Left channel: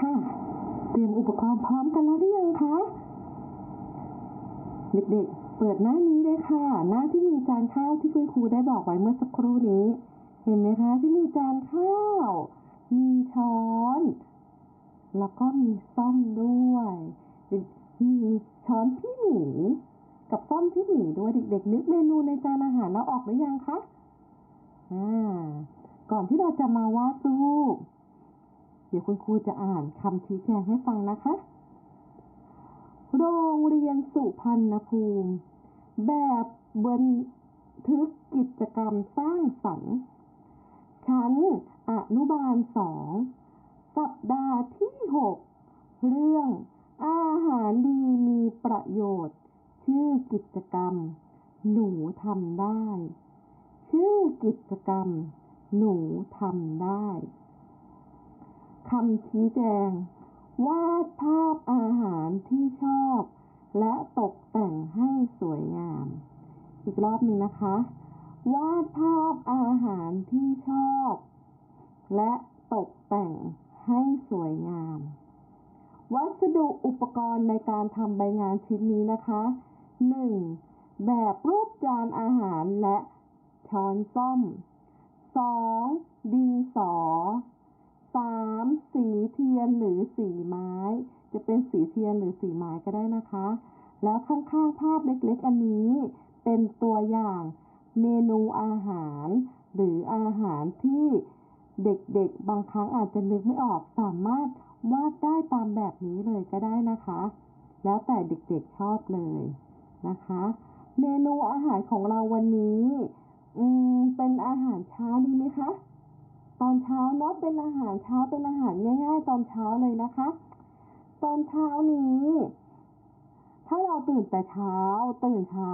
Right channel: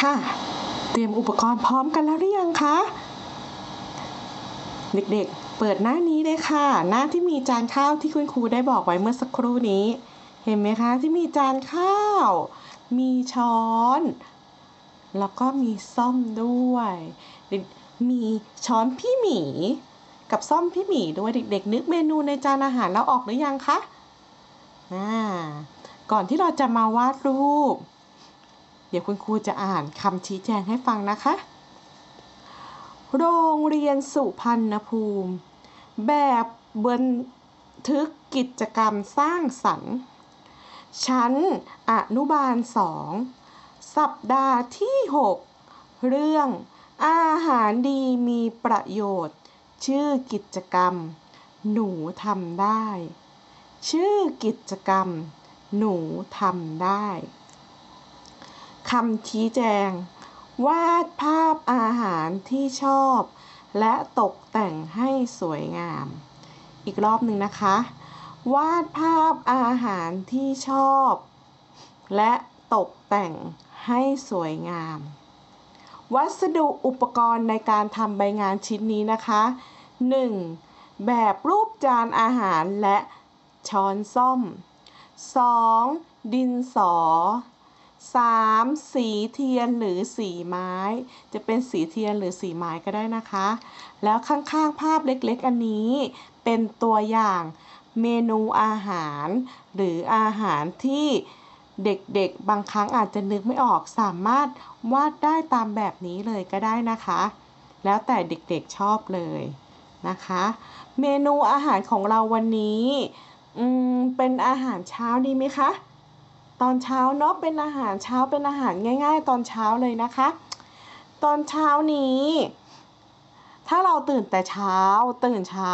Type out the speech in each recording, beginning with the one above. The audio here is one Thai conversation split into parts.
ค่ะ เตรียมอุปกรณ์พร้อมกันแล้วหรือยังคะ เด็กๆ เปิดหน้านี้เลยค่ะ หน้าที่มีจานข้าวที่คุณครูได้บอกไว้เมื่อสักครู่นี้ เห็นไหมคะที่มีจานข้าว มีช้อน แล้วก็มีซ่อมด้วย มีช้อนพี่หมี กับซ่อมพี่หมีด้วยเด็ก ๆ นึกเมนูในจานอาหารแล้วออกหรือยังคะ อ่า ก่อนที่เราจะมาวาดรูป เดี๋ยวคุณครูจะอ่านคำชี้แจงให้ฟังนะคะ โรงเรียนสุพรรณภูมิ แบบบันทึกกิจกรรมสร้างสรรค์ ชั้นอนุบาลสองสัปดาห์ที่ 6 เรื่องอาหารดีมีประโยชน์ ชื่อกิจกรรม หนูทำได้ ชื่อกิจกรรม หนูทำได้ คำชี้แจง วาดภาพอาหารที่ชอบ และตกแต่งให้สวยงาม อีกรอบหนึ่งนะคะ วาดภาพอาหารที่ชอบ และตกแต่งให้สวยงาม วัสดุอุปกรณ์ในการทำใบงานชิ้นนี้นะคะ 1. แบบรูปจานอาหารและช้อนส้อม 2. ดินสอ 3. สีเทียนหรือสีไม้ จะเป็นสีเทียนหรือสีไม้ก็ได้นะคะ แล้วข้างๆภาพเล็กๆ อันนี้เป็นตัวอย่างเมนูอาหาร หรืออาหารที่เด็กๆ บางครั้งอาจจะนึกไม่ออกสามารถวาดได้ตามแบบนี้เลยก็ได้นะคะ แล้วแต่เด็กๆชอบเลยนะคะ เมนูอาหารของเราวันนี้เป็นอาหารเช้าดีไหมคะ ตอนเช้าเนาะเป็นอาหารเช้าเป็นอาหารง่าย ๆ ตอนเช้าเลยนะคะ ตอนเช้านี้ ถ้าเราตื่นแต่เช้า ตื่นเช้า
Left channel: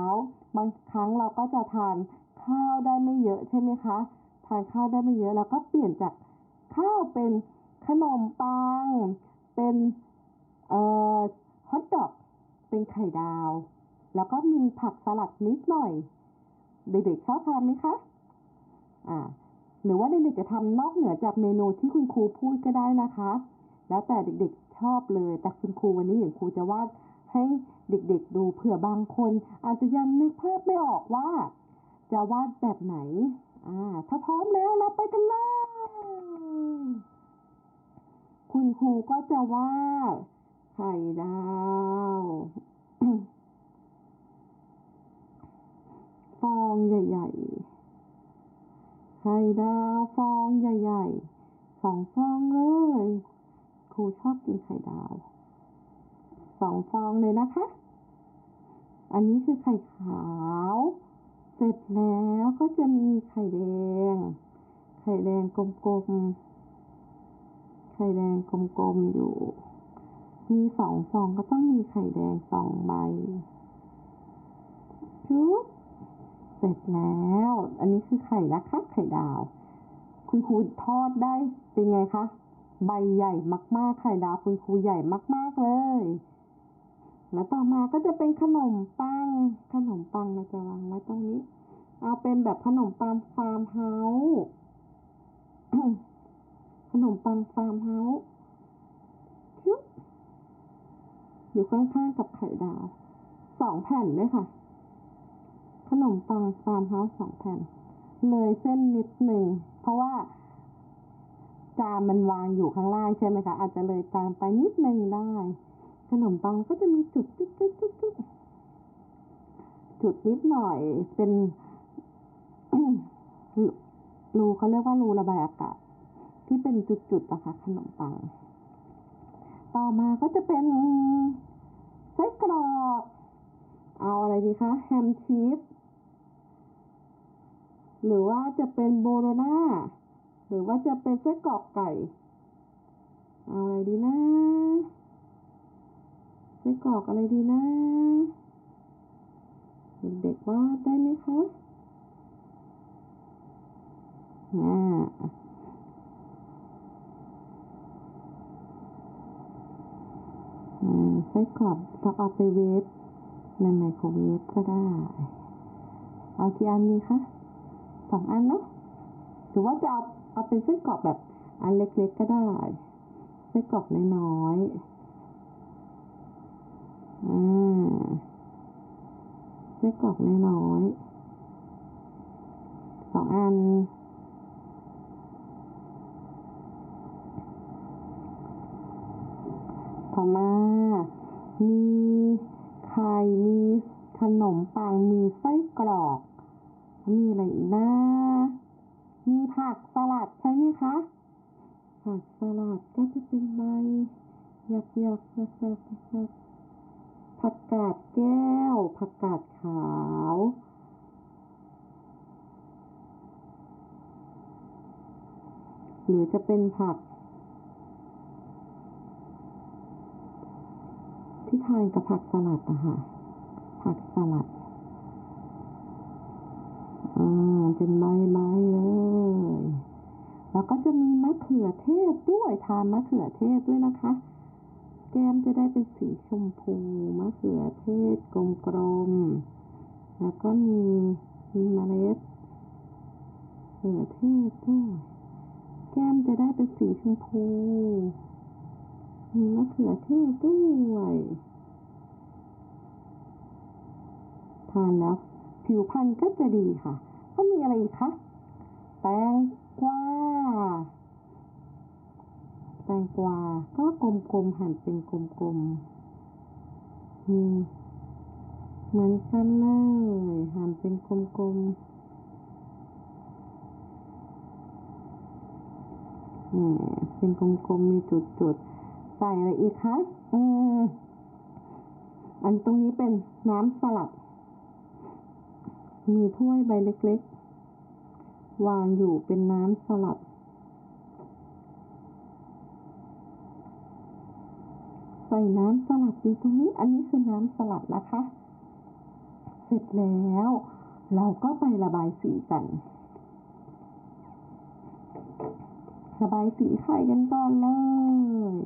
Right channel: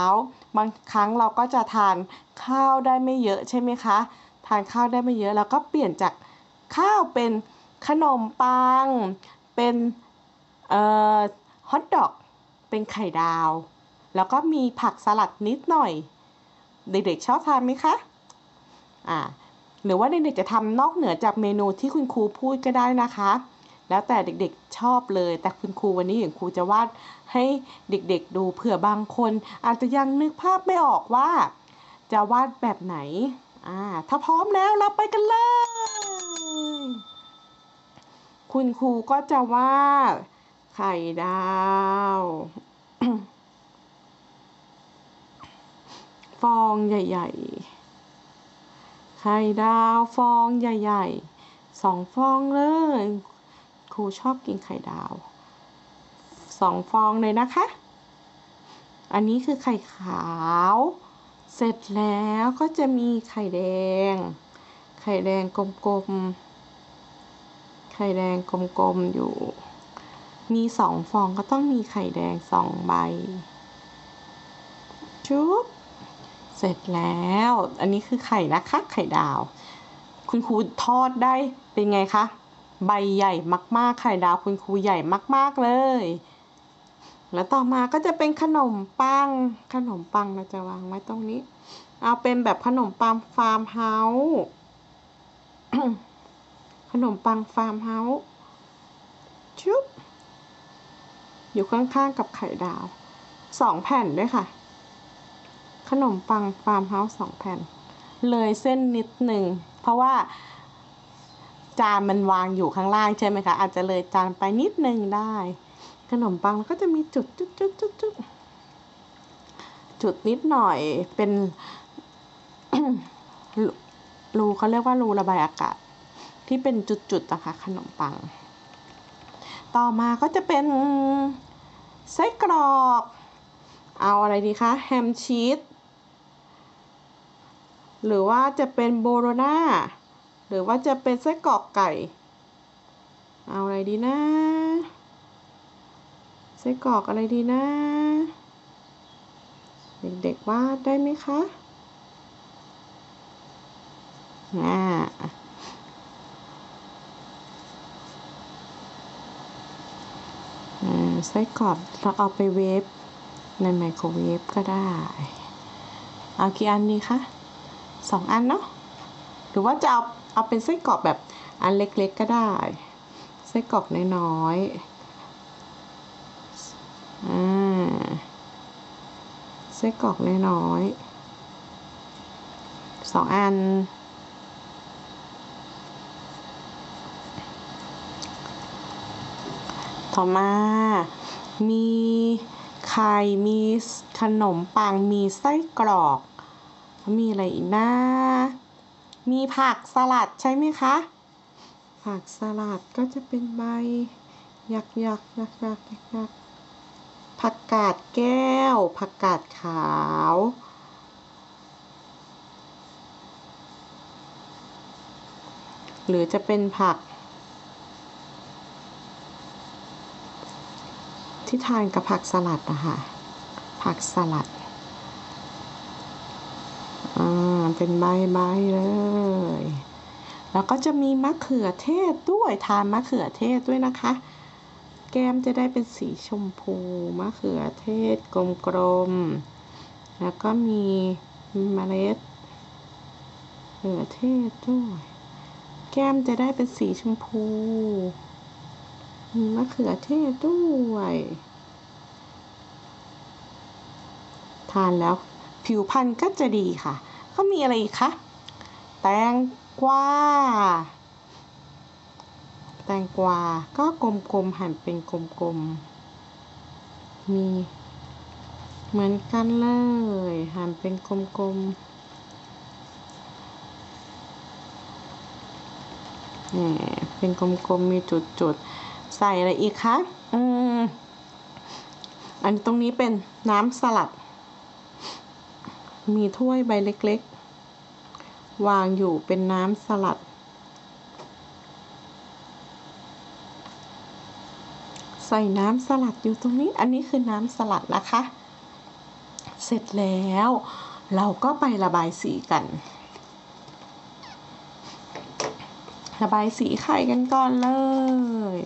บางครั้งเราก็จะทานข้าวได้ไม่เยอะใช่ไหมคะ ทานข้าวได้ไม่เยอะแล้วก็เปลี่ยนจากข้าวเป็นขนมปัง เป็นเอ่อฮอทดอก เป็นไข่ดาว แล้วก็มีผักสลัดนิดหน่อย เด็กๆชอบทานไหมคะ อ่า หรือว่าเด็กๆจะทำนอกเหนือจากเมนูที่คุณครูพูดก็ได้นะคะ แล้วแต่เด็กๆชอบเลย แต่คุณครูวันนี้อย่างครูจะวาดให้เด็กๆดูเผื่อบางคน อาจจะยังนึกภาพไม่ออกว่า จะวาดแบบไหนอ่าถ้าพร้อมแล้วเราไปกันเลย คุณครูก็จะวาดไข่ดาวฟองใหญ่ ๆ ไข่ดาวฟองใหญ่ๆสองฟองเลย ครูชอบกินไข่ดาวสองฟองเลยนะคะ อันนี้คือไข่ขาว เสร็จแล้วก็จะมีไข่แดง ไข่แดงกลมๆ ไข่แดงกลมๆอยู่ มีสองฟองก็ต้องมีไข่แดงสองใบชุบ เสร็จแล้ว อันนี้คือไข่นะคะ ไข่ดาว คุณครูทอดได้เป็นไงคะ ใบใหญ่มาก ๆ ไข่ดาวคุณครูใหญ่มาก ๆ เลย แล้วต่อมาก็จะเป็นขนมปัง ขนมปังเราจะวางไว้ตรงนี้ เอาเป็นแบบขนมปังฟาร์มเฮาส์ขนมปังฟาร์มเฮาส์ชุบอยู่ข้างๆกับไข่ดาวสองแผ่นด้วยค่ะ ขนมปังฟาร์มเฮาส์สองแผ่น เลยเส้นนิดหนึ่ง เพราะว่าจานมันวางอยู่ข้างล่างใช่ไหมคะ อาจจะเลยจานไปนิดนึงได้ ขนมปังก็จะมีจุดจุดจุดจุดจุดจุดนิดหน่อยเป็นรูเขาเรียกว่ารูระบายอากาศ ที่เป็นจุดๆนะคะขนมปัง ต่อมาก็จะเป็นไส้กรอก เอาอะไรดีคะ แฮมชีส หรือว่าจะเป็นโบโรนาหรือว่าจะเป็นไส้กรอกไก่ เอาอะไรดีนะไส้กรอกอะไรดีนะ เด็กๆวาดได้ไหมคะอ่าอืมไส้กรอกเราเอาไปเวฟในไมโครเวฟก็ได้ เอากี่อันดีคะ สองอันเนาะหรือว่าจะเอาเอาเป็นไส้กรอกแบบอันเล็กๆก็ได้ ไส้กรอกน้อยๆอ่าไส้กรอกน้อยๆสองอันต่อมา มีไข่ มีขนมปัง มีไส้กรอก มีอะไรอีกนะ มีผักสลัดใช่ไหมคะ ผักสลัดก็จะเป็นใบหยักหยักยักยักยักยักผักกาดแก้ว ผักกาดขาว หรือจะเป็นผัก ที่ทานกับผักสลัดอะค่ะผักสลัด อ่าเป็นใบใบๆเลย แล้วก็จะมีมะเขือเทศด้วยทานมะเขือเทศด้วยนะคะ แก้มจะได้เป็นสีชมพูมะเขือเทศกลมๆ แล้วก็มีเมล็ดเขือเทศด้วย แก้มจะได้เป็นสีชมพู มีมะเขือเทศด้วย ทานแล้ว ผิวพรรณก็จะดีค่ะ ก็มีอะไรอีกคะ แตงกวา แตงกวา ก็กลมๆ หั่นเป็นกลมๆ มีเหมือนกันเลย หั่นเป็นกลมๆนี่เป็นกลมๆ มีจุดๆ ใส่อะไรอีกคะ อืม อันตรงนี้เป็นน้ำสลัด มีถ้วยใบเล็กๆ วางอยู่เป็นน้ำสลัด ใส่น้ำสลัดอยู่ตรงนี้ อันนี้คือน้ำสลัดนะคะ เสร็จแล้วเราก็ไประบายสีกัน ระบายสีไข่กันก่อนเลย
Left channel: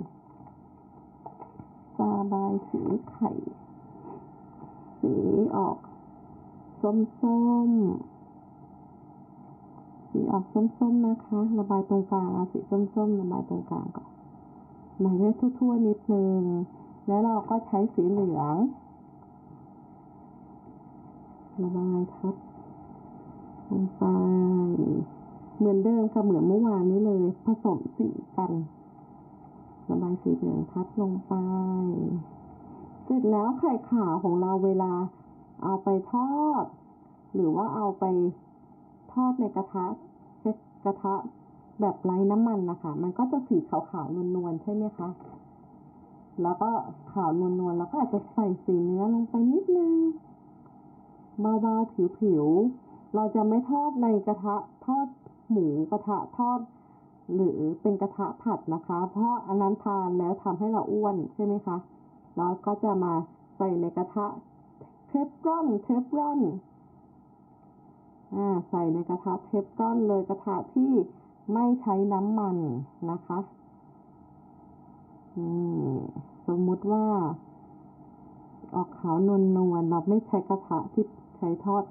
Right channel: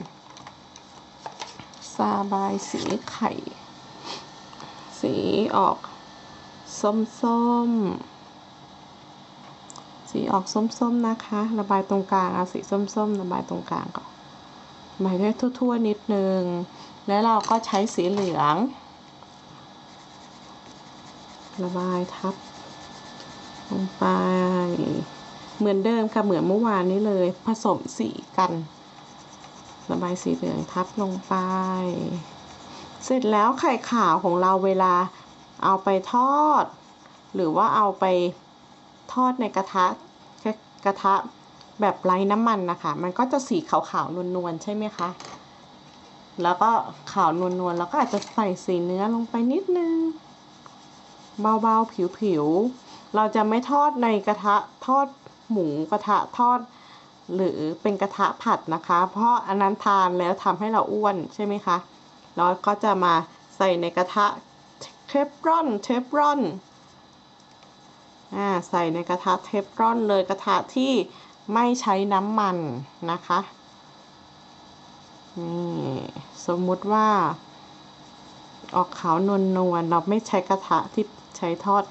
ระบายสีไข่ สีออก ส้มๆสีออกส้มๆนะคะ ระบายตรงกลางเอาสีส้มๆระบายตรงกลางก่อนระบายให้ทั่วๆนิดนึง แล้วเราก็ใช้สีเหลือง ระบายทับลงไป เหมือนเดิมค่ะเหมือนเมื่อวานนี้เลย ผสมสีกัน ระบายสีเหลืองทับลงไป เสร็จแล้วไข่ขาวของเราเวลา เอาไปทอด หรือว่าเอาไปทอดในกระทะกระทะแบบไร้น้ำมันนะคะ มันก็จะสีขาวๆนวลๆใช่ไหมคะ แล้วก็ขาวนวลๆแล้วก็อาจจะใส่สีเนื้อลงไปนิดนึง เบาๆผิวๆ เราจะไม่ทอดในกระทะทอดหมูกระทะทอด หรือเป็นกระทะผัดนะคะ เพราะอันนั้นทานแล้วทำให้เราอ้วนใช่ไหมคะ แล้วก็จะมาใส่ในกระทะ ฟรอนเทฟรอนอ่าใส่ในกระทะเทฟรอนเลยกระทะที่ไม่ใช้น้ำมันนะคะนี่สมมุติว่า ออกขาวนวลนวลเราไม่ใช้กระทะที่ใช้ทอด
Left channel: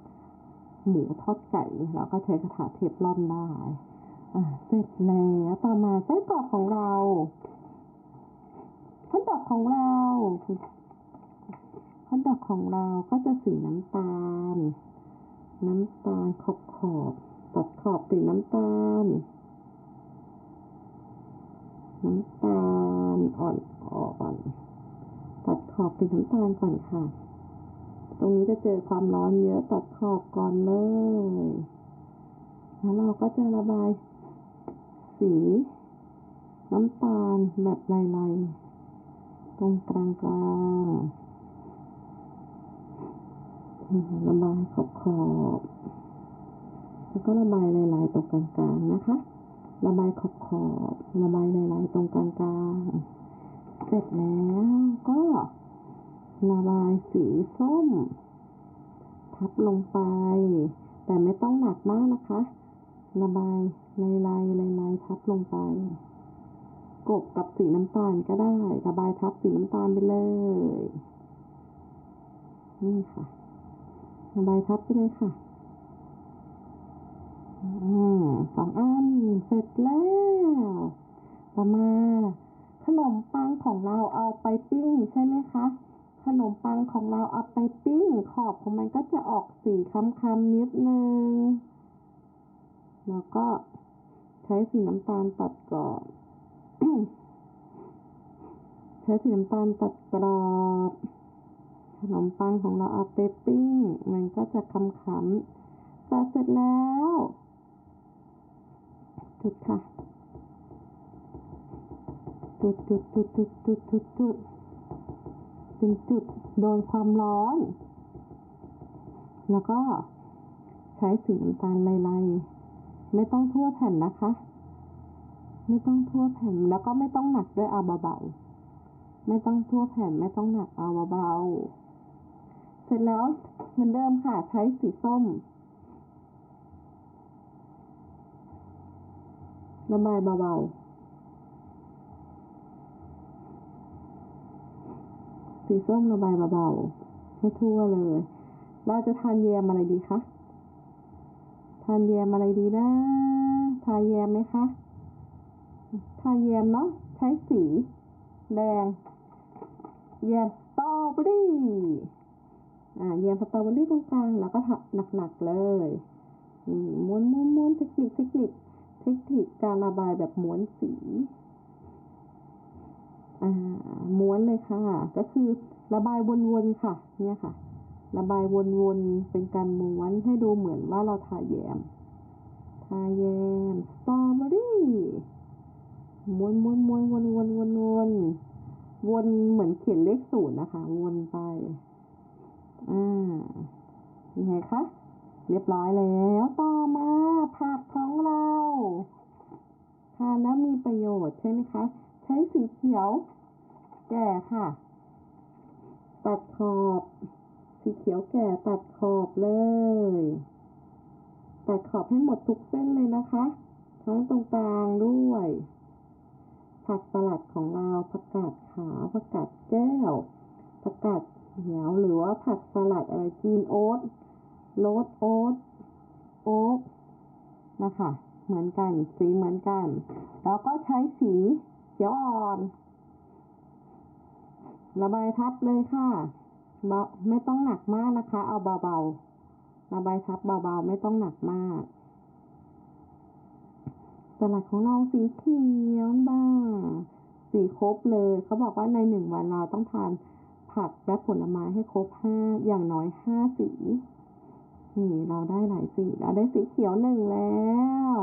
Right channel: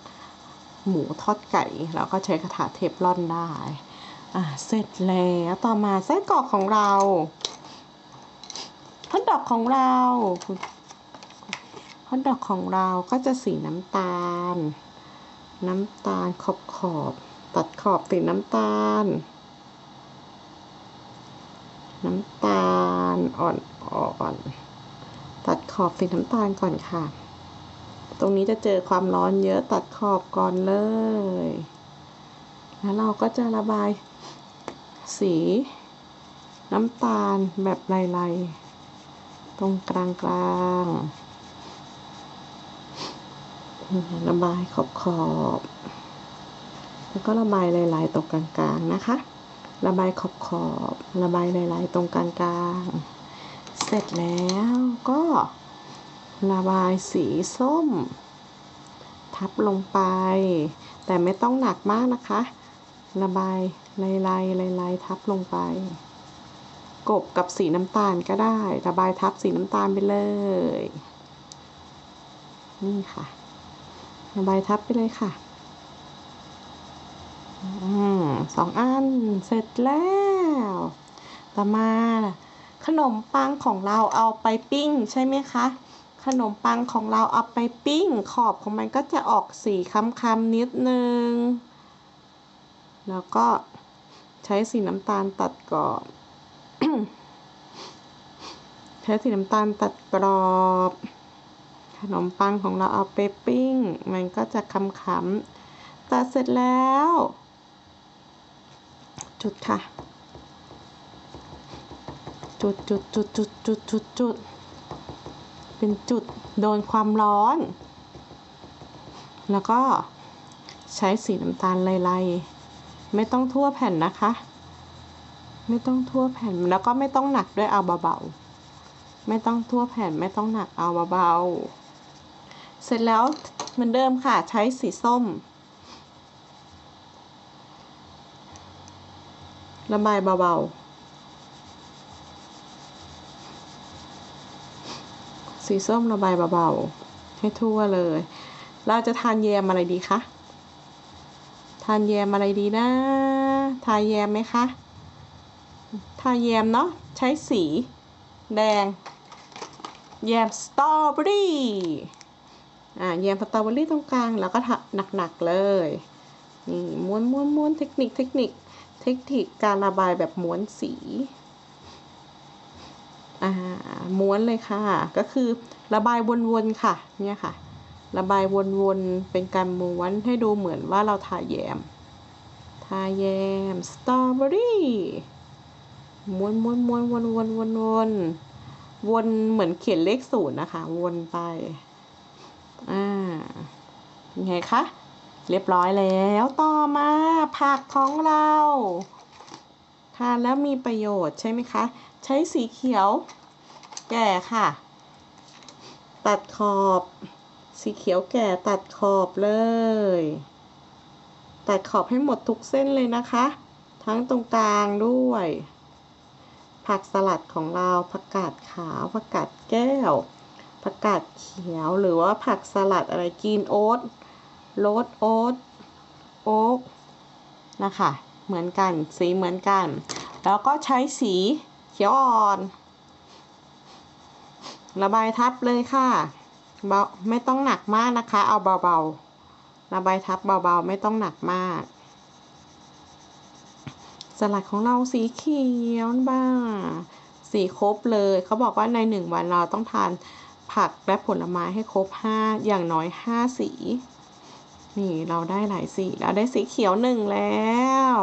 หมูทอดไก่เราก็ใช้กระทะเทฟลอนได้อ่าเสร็จแล้วต่อมาไส้กรอกของเราฮอทดอกของเรา อทดอกของเราก็จะสีน้ำตาล น้ำตาลขอบขอบ ตัดขอบสีน้ำตาล น้ำตาลอ่อนอ่อนตัดขอบสีน้ำตาลก่อนค่ะ ตรงนี้จะเจอความร้อนเยอะตัดขอบก่อนเลย แล้วเราก็จะระบายสีน้ำตาลแบบลายๆ ตรงกลางกลางๆ ระบายขอบขอบแล้วก็ระบายลายๆตรงกลางๆนะคะ ระบายขอบขอบระบายลายๆตรงกลางๆ เสร็จแล้วก็ระบายสีส้ม ทับลงไป แต่ไม่ต้องหนักมากนะคะ ระบายลายลายลายลายๆทับลงไป กบกับสีน้ำตาลก็ได้ ระบายทับสีน้ำตาลไปเลย นี่ค่ะ ระบายทับไปเลยค่ะอืมสองอันเสร็จแล้ว ต่อมาขนมปังของเราเอาไปปิ้งใช่ไหมคะขนมปังของเราเอาไปปิ้ง ขอบของมันก็จะออกสีค้ำๆนิดนึง แล้วก็ใช้สีน้ำตาลตัดกรอบ ใช้สีน้ำตาลตัดกรอบ ขนมปังของเราเอาไปปิ้ง มันก็จะค้ำๆตัดเสร็จแล้ว จุดค่ะ จุดจุดจุดจุดจุดจุดจุดเป็นจุดโดนความร้อน แล้วก็ใช้สีน้ำตาลไล่ๆไม่ต้องทั่วแผ่นนะคะ ไม่ต้องทั่วแผ่นแล้วก็ไม่ต้องหนักด้วยเอาเบาๆไม่ต้องทั่วแผ่นไม่ต้องหนักเอาเบาๆ เสร็จแล้วเหมือนเดิมค่ะใช้สีส้ม ระบายเบาๆ สีส้มระบายเบาๆ ให้ทั่วเลย เราจะทานแยมอะไรดีคะ ทานแยมอะไรดีนะ ทาแยมไหมคะ ทาแยมเนาะใช้สี แดง แยมสตรอเบอรี่ อ่าแยมสตรอเบอรี่ตรงกลางแล้วก็ทาหนักๆเลยนี่ม้วนม้วนม้วนเทคนิคเทคนิคเทคนิคการระบายแบบม้วนสีอ่าม้วนเลยค่ะ ก็คือระบายวนๆค่ะเนี่ยค่ะ ระบายวนๆเป็นการม้วนให้ดูเหมือนว่าเราทาแยม ทาแยมสตรอเบอรี่ม้วนม้วนม้วนวนวนวนวนวนเหมือนเขียนเลขศูนย์นะคะ วนไป อ่าเป็นไงคะ เรียบร้อยแล้วต่อมาผักของเราทานแล้วมีประโยชน์ใช่ไหมคะ ใช้สีเขียว แก่ค่ะ ตัดขอบ สีเขียวแก่ตัดขอบเลย ตัดขอบให้หมดทุกเส้นเลยนะคะ ทั้งตรงกลางด้วย ผักสลัดของเราผักกาดขาวผักกาดแก้ว ผักกาดเขียวหรือว่าผักสลัดอะไรกินโอ๊ตโรสโอ๊ตโอ๊กนะคะเหมือนกันสีเหมือนกัน แล้วก็ใช้สีเขียวอ่อน ระบายทับเลยค่ะเบาไม่ต้องหนักมากนะคะ เอาเบาๆ ระบายทับเบาๆ ไม่ต้องหนักมาก สลัดของเราสีเขียวบ้างสีครบเลย เขาบอกว่าในหนึ่งวันเราต้องทาน ผักและผลไม้ให้ครบห้าอย่างน้อยห้าสี นี่เราได้หลายสีเราได้สีเขียวหนึ่งแล้ว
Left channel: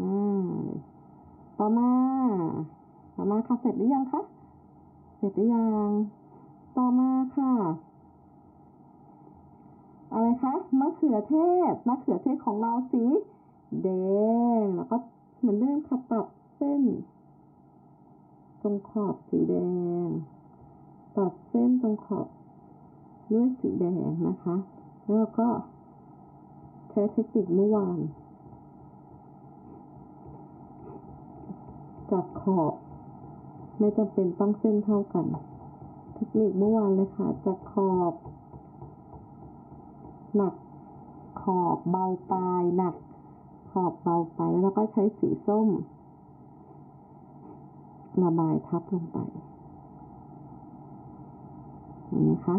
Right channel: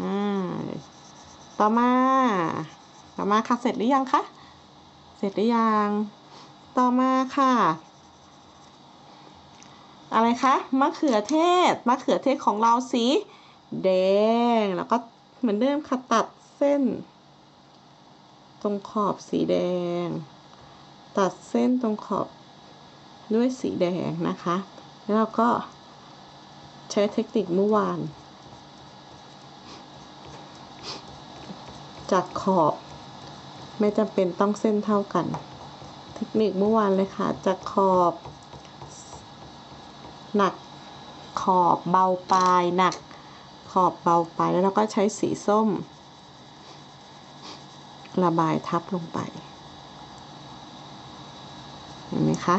อ่าต่อมา ต่อมาค่ะเสร็จหรือยังคะ เสร็จหรือยัง ต่อมาค่ะ อะไรคะมะเขือเทศมะเขือเทศของเราสีแดงแล้วก็เหมือนเดิมค่ะตัดเส้น ตรงขอบสีแดง ตัดเส้นตรงขอบด้วยสีแดงนะคะ แล้วเราก็ใช้เทคนิคเมื่อวาน จากขอบ ไม่จำเป็นต้องเส้นเท่ากัน เทคนิคเมื่อวานเลยค่ะ จากขอบ หนักขอบเบาปลายหนักขอบเบาปลายแล้วเราก็ใช้สีส้ม ระบายทับลงไป เห็นไหมคะ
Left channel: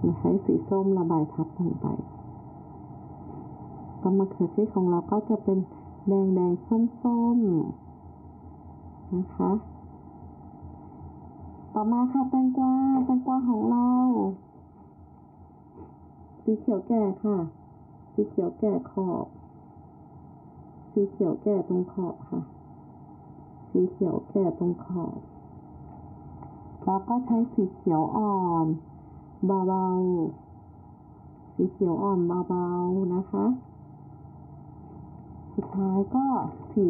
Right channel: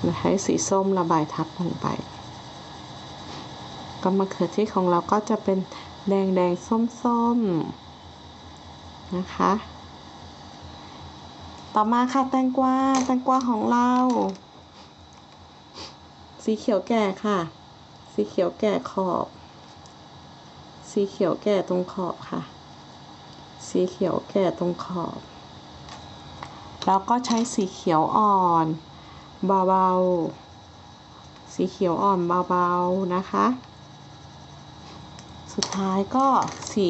เราใช้สีส้มระบายทับลงไปก็มะเขือเทศของเราก็จะเป็นแดงแดงส้มส้มนะคะ ต่อมาค่ะแตงกวาแตงกวาของเรา สีเขียวแก่ค่ะ สีเขียวแก่ขอบ สีเขียวแก่ตรงขอบค่ะ สีเขียวแก่ตรงขอบ แล้วก็ใช้สีเขียวอ่อนเบาๆ สีเขียวอ่อนเบาๆนะคะ สุดท้ายก็สี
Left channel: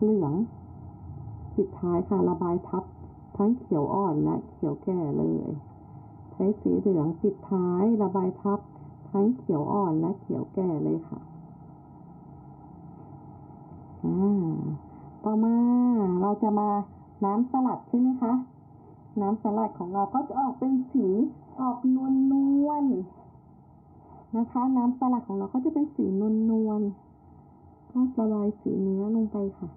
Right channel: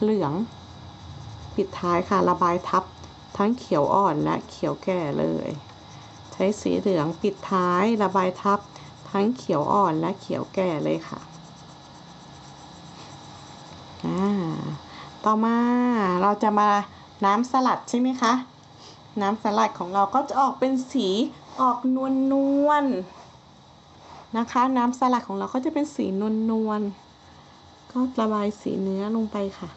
เหลือง ปิดท้ายค่ะระบายทับทั้งเขียวอ่อนและเขียวแก่เลย ใช้สีเหลืองปิดท้ายระบายทับ ทั้งเขียวอ่อนและเขียวแก่เลยค่ะต่อมาเราจะมาน้ำสลัดใช่ไหมคะ น้ำสลัดของเราก็จะออกเป็นสีออกนวลนวลนะคะ น้ำสลัดของเราก็จะเป็นสีนวลนวลก็ระบายสีเนื้อลงไปค่ะ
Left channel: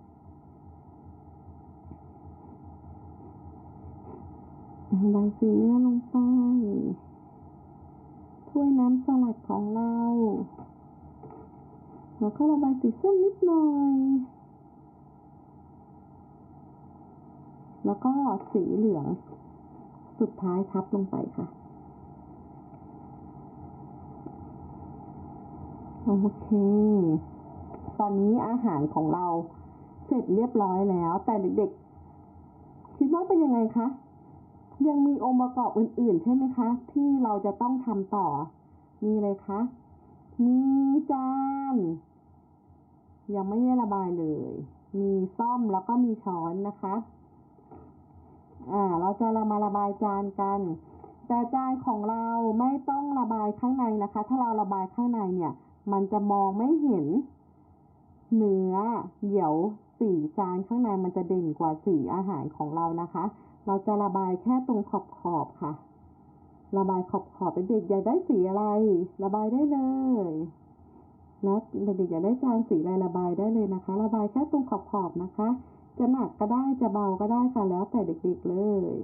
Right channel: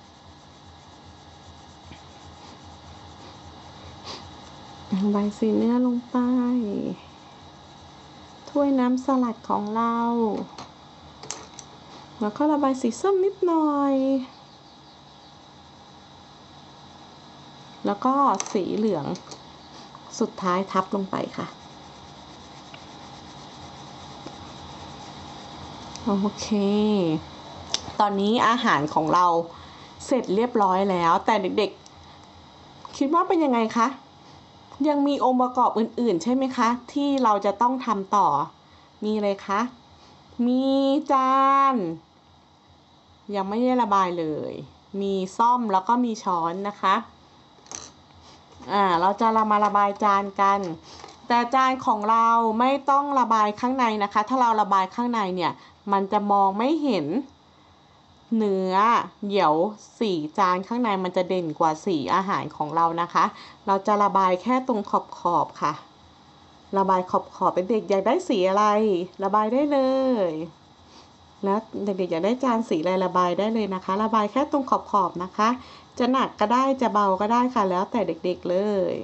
ระบายสีเนื้อลงไป ถ้วยน้ำสลัดของเรา แล้วก็ระบายสีส้มนิดหน่อย แล้วก็สีเหลืองสุดท้ายทับลงไปค่ะ โอเค ตอนนี้อาหารของเราเสร็จเรียบร้อยแล้ว แต่เด็กๆ คิดว่าเป็นยังไงคะ ยังมีองค์ประกอบอื่นๆ ใช่ไหมคะ ที่เราจะต้องทำต่อ มีอะไรคะ มีจาน ยังไม่ได้ระบายเลย มีซ่อมแล้วก็มีช้อนนะคะ อ่าเราจะเรามาระบายจานกัน แต่จานของเราไม่ต้องระบายข้างในนะคะ ถ้าเราระบายข้างในเนี่ย มันจะมองไม่เห็นเนื้อเดี๋ยวสีจานข้างในมันจะเด่นกว่าสีอาหารของเรานะคะ เราจะระบายแค่ตรงขอบขอบค่ะ ระบายขอบขอบเป็นเด็กอยากได้สีอะไร ระบายได้เลยแล้วเด็กๆอยากได้จานสีอะไรระบายได้เลยนะคะ ระบายแค่ตรงขอบขอบนะคะ จะหนักก็ได้จะเบาก็ได้ค่ะ แล้วแต่เด็กๆเลย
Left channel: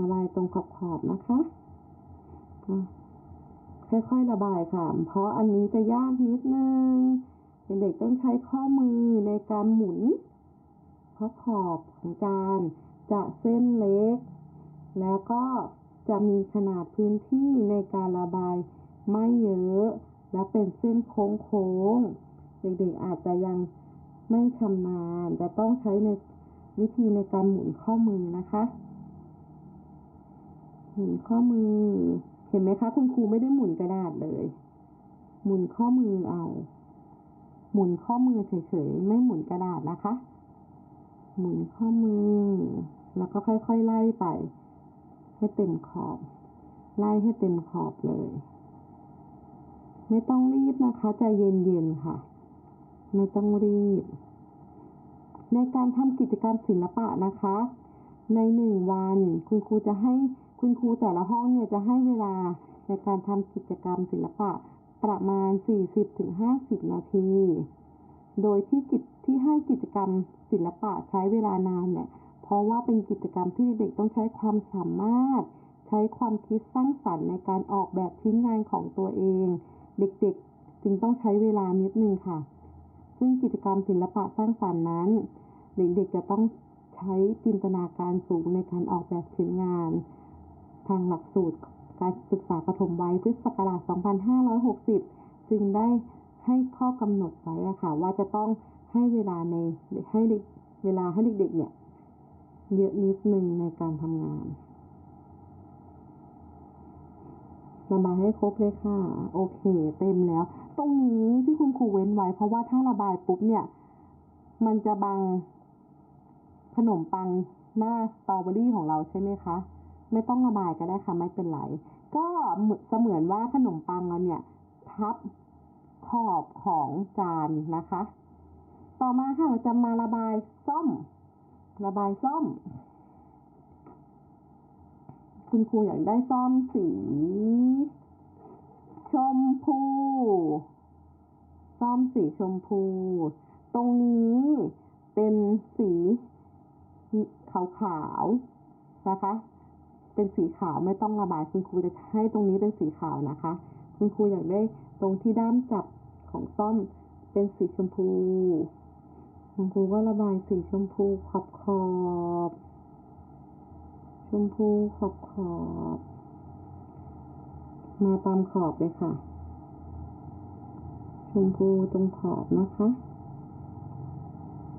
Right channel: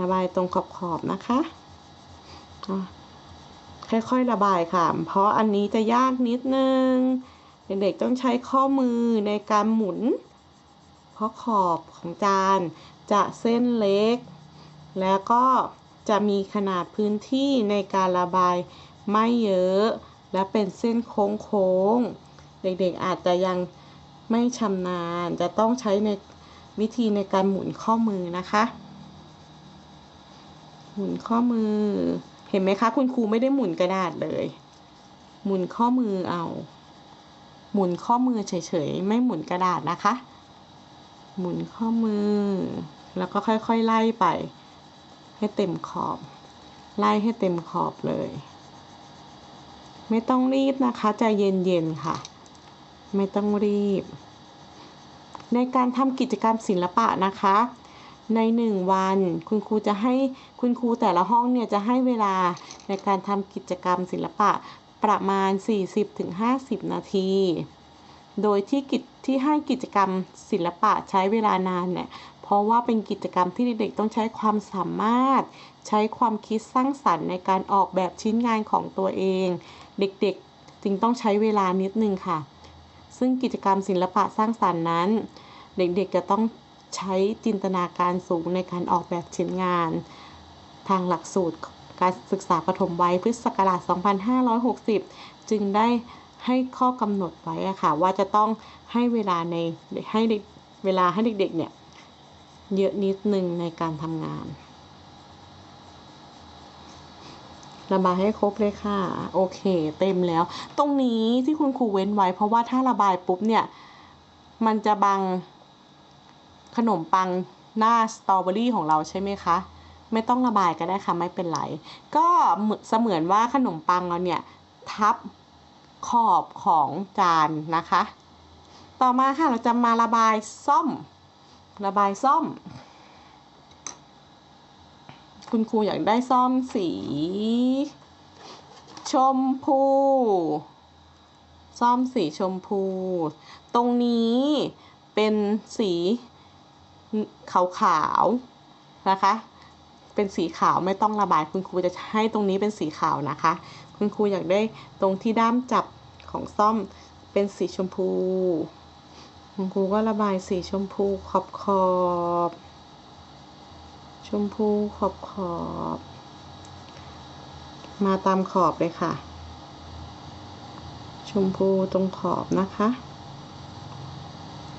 ระบายตรงขอบๆนะคะอะค่อยๆระบายค่ะ เพราะอันนี้จะยากนิดนึง เด็กๆต้องใช้ข้อมือในการหมุน เพราะขอบของจานจะเส้นเล็ก แล้วก็จะมีขนาดพื้นที่ในการระบายไม่เยอะ และเป็นเส้นโค้งๆ เด็กๆอาจจะยัง ไม่ชำนาญจะต้องใช้ในวิธีในการหมุนข้อมือนะคะ หมุนข้อมือ เห็นไหมคะ คุณครูไม่ได้หมุนกระดาษเลย หมุนข้อมือเอา หมุนข้อมือเฉยๆ ไม่หมุนกระดาษนะคะ หมุนข้อมือ แล้วก็ค่อยๆไล่ไป ให้เต็มขอบ ไล่ให้เต็มขอบเลย ไม่ต้องรีบนะคะใจเย็นๆค่ะ ไม่ต้องรีบ ในการทำกิจกรรมศิลปะนะคะ ในหนึ่งวัน คุณครูจะให้คุณครูแต่ละห้องเนี่ยจะให้เวลาในการทำกิจกรรมศิลปะประมาณ 40-50 นาที โดยที่กิจที่ให้กิจกรรมศิลปะใช้เวลานานเนี่ยเพราะว่าเป็นกิจกรรมที่เด็กๆต้องใช้ความสามารถ ใช้ความคิดสร้างสรรค์ในการออกแบบชิ้นงานของตัวเอง เด็กๆจึงต้องใช้เวลานิดนึงค่ะ ซึ่งกิจกรรมศิลปะสร้างสรรค์นั้น เด็กๆจะต้องใช้จินตนาการสูงในการออกแบบชิ้นงาน ทางหลักสูตรการศึกษาปฐมวัยพุทธศักราช 2560 จึงได้ให้ข้อกำหนดไว้ค่ะว่าจะต้องให้เวลาในให้เด็กเวลาให้เด็กๆเนี่ยเยอะนิดนึงในการทำงาน ระบายให้ครบเลยค่ะ โอเค เต็มแล้ว ตรงนี้ที่คุณครูเว้นไว้ เพราะว่าถ้าระบายปุ๊บเนี่ย มันจะบังขนมปังหน้าสตรอเบอรี่ของเราใช่ไหมคะ ไม่ต้องระบายก็ได้ค่ะ ไม่เป็นไร ก็เสมือนว่าขนมปังเราเนี่ย ทับขอบของจานนะคะ ต่อมาค่ะเราจะมาระบายซ่อม ระบายซ่อม คุณครูอยากได้ซ่อมสี ชมพู ซ่อมสีชมพู ตรงนี้เป็นสีขาวๆนะคะ เป็นสีขาวไม่ต้องระบาย คุณครูจะให้ตรงนี้เป็นสีขาวนะคะ คุณครูอยากได้ตรงที่ด้ามจับของซ่อมเป็นสีชมพู คุณครูก็ระบายสีชมพูขอบขอบๆ ชมพูขอบขอบ มาตามขอบเลยค่ะ ชมพูตรงขอบนะคะ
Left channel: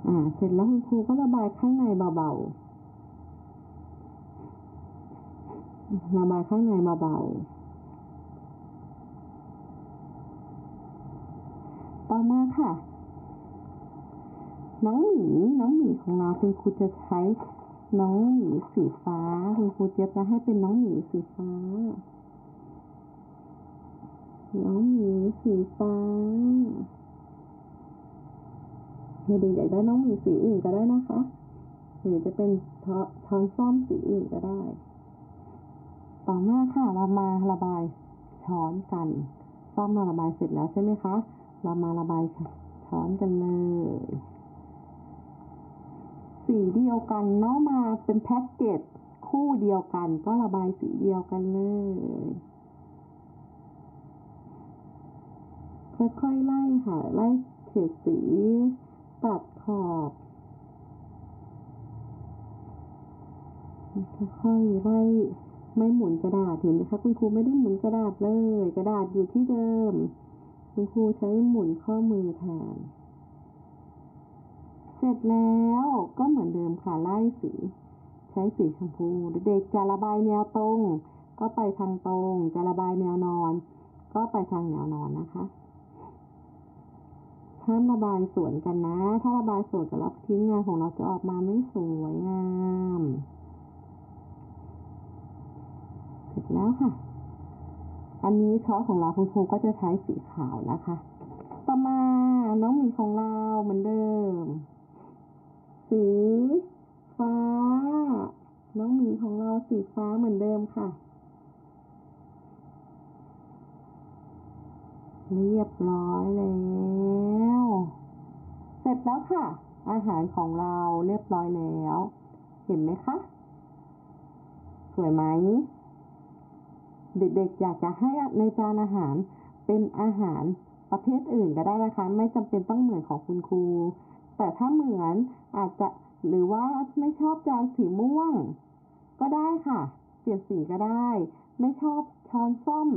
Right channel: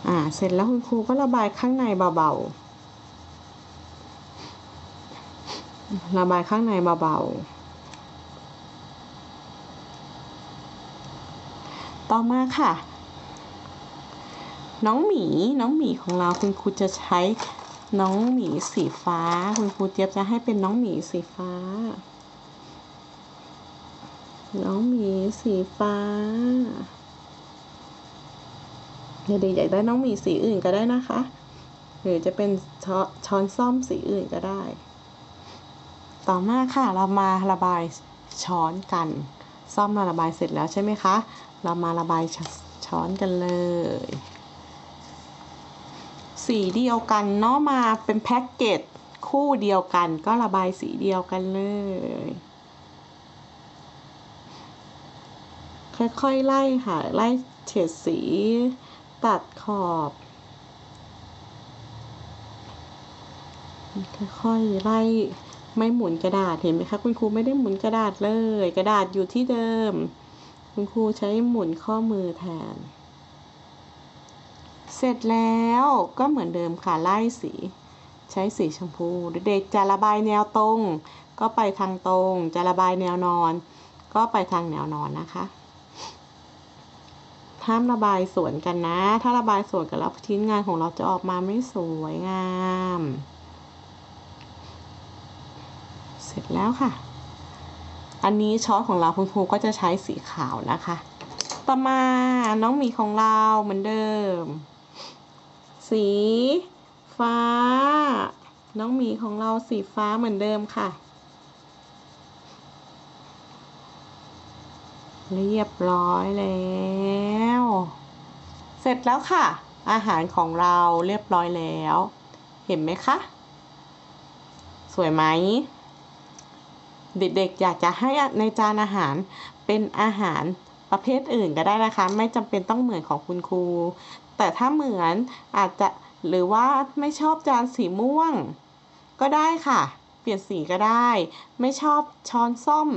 อ่า เสร็จแล้วคุณครูก็ระบายข้างในเบาๆ ระบายข้างในเบาๆต่อมาค่ะ น้องหมีน้องหมีของเราคุณครูจะใช้ น้องหมีสีฟ้า คุณครูเจี๊ยบจะให้เป็นน้องหมีสีฟ้า น้องหมีสีฟ้า เด็กๆอยากได้น้องหมีสีอื่นก็ได้นะคะ หรือจะเป็นช้อนช้อนซ่อมสีอื่นก็ได้ ต่อมาค่ะเรามาระบายช้อนกัน ซ่อมเราระบายเสร็จแล้วใช่ไหมคะ เรามาระบายชช้อนกันเลย สีเดียวกันเนาะมาเป็นแพ็กเกจคู่เดียวกันก็ระบายสีเดียวกันเลย ค่อยๆไล่ค่ะไล่เฉดสีตัดขอบ ค่อยๆไล่ไม่หมุนกระดาษเห็นไหมคะคุณครูไม่ได้หมุนกระดาษเลย กระดาษอยู่ที่เดิม คุณครูใช้หมุนข้อมือแทน เสร็จแล้วก็เหมือนเดิมค่ะไล่สี ใช้สีชมพู เด็กจะระบายแนวตรง ก็ไปทางตรง จะระบายแนวนอน ก็ไปทางแนวนอนนะคะห้ามระบายสวนกันนะ ถ้าระบายสวนกันแล้วชิ้นงานของเราจะออกมาไม่สวยงาม เสร็จแล้วค่ะ อันนี้ช้อนของเราคุณครูก็จะใช้สีขาวนะคะ ต่อมาน้องหมีของเราเหมือนเดิม สี ฟ้า น้องหมีของเราสีฟ้าเหมือนเดิมค่ะ เรียบร้อยแล้ว เสร็จแล้วค่ะ อาหารของเราเรียบร้อยแล้ว เห็นไหมคะ สวยไหม เด็กๆอยากจะให้ในจานอาหารเป็นอาหาร ประเภทอื่นก็ได้นะคะ ไม่จำเป็นต้องเหมือนของคุณครู แต่ถ้าเหมือนอาจจะหรือว่าไม่ชอบจานสีม่วง ก็ได้ค่ะ เปลี่ยนสีก็ได้ ไม่ชอบช้อนส้ม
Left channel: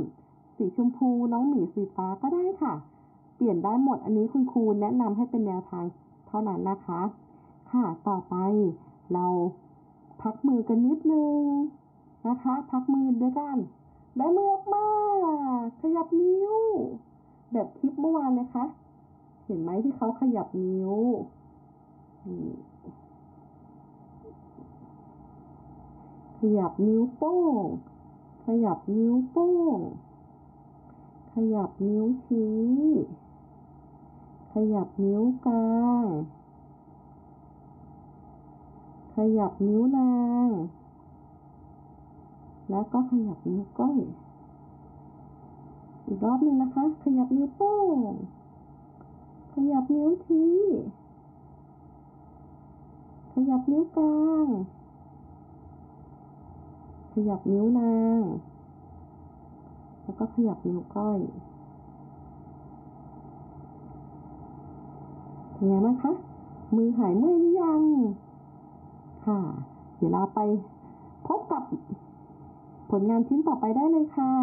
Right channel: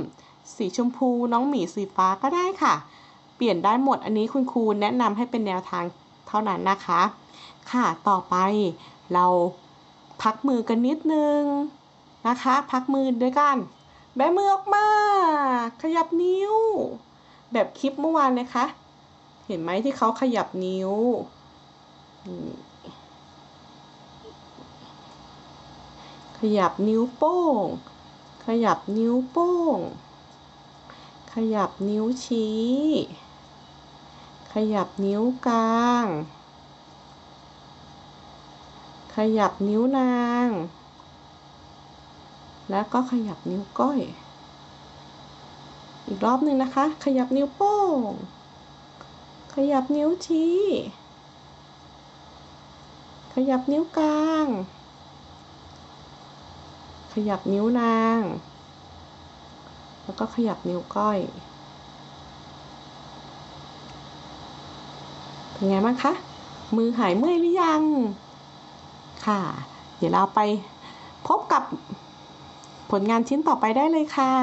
สีชมพูน้องหมีสีฟ้าก็ได้ค่ะ เปลี่ยนได้หมดอันนี้คุณครูแนะนำให้เป็นแนวทางเท่านั้นนะคะ ค่ะต่อไปเราพักมือกันนิดนึงนะคะ พักมือด้วยกันแบมือออกมา ขยับนิ้ว แบบคลิปเมื่อวานเลยคะ เห็นไหมที่เขาขยับนิ้ว ขยับนิ้วโป้ง ขยับนิ้วโป้ง ขยับนิ้วชี้ ขยับนิ้วกลาง ขยับนิ้วนาง แล้วก็ขยับนิ้วก้อย อีกรอบหนึ่งนะคะ ขยับนิ้วโป้ง ขยับนิ้วชี้ ขยับนิ้วกลาง ขยับนิ้วนาง แล้วก็ขยับนิ้วก้อย เป็นไงบ้างคะ มือหายเมื่อยหรือยัง ค่ะ เดี๋ยวเราไปพบกับผลงานชิ้นต่อไปได้เลยค่ะ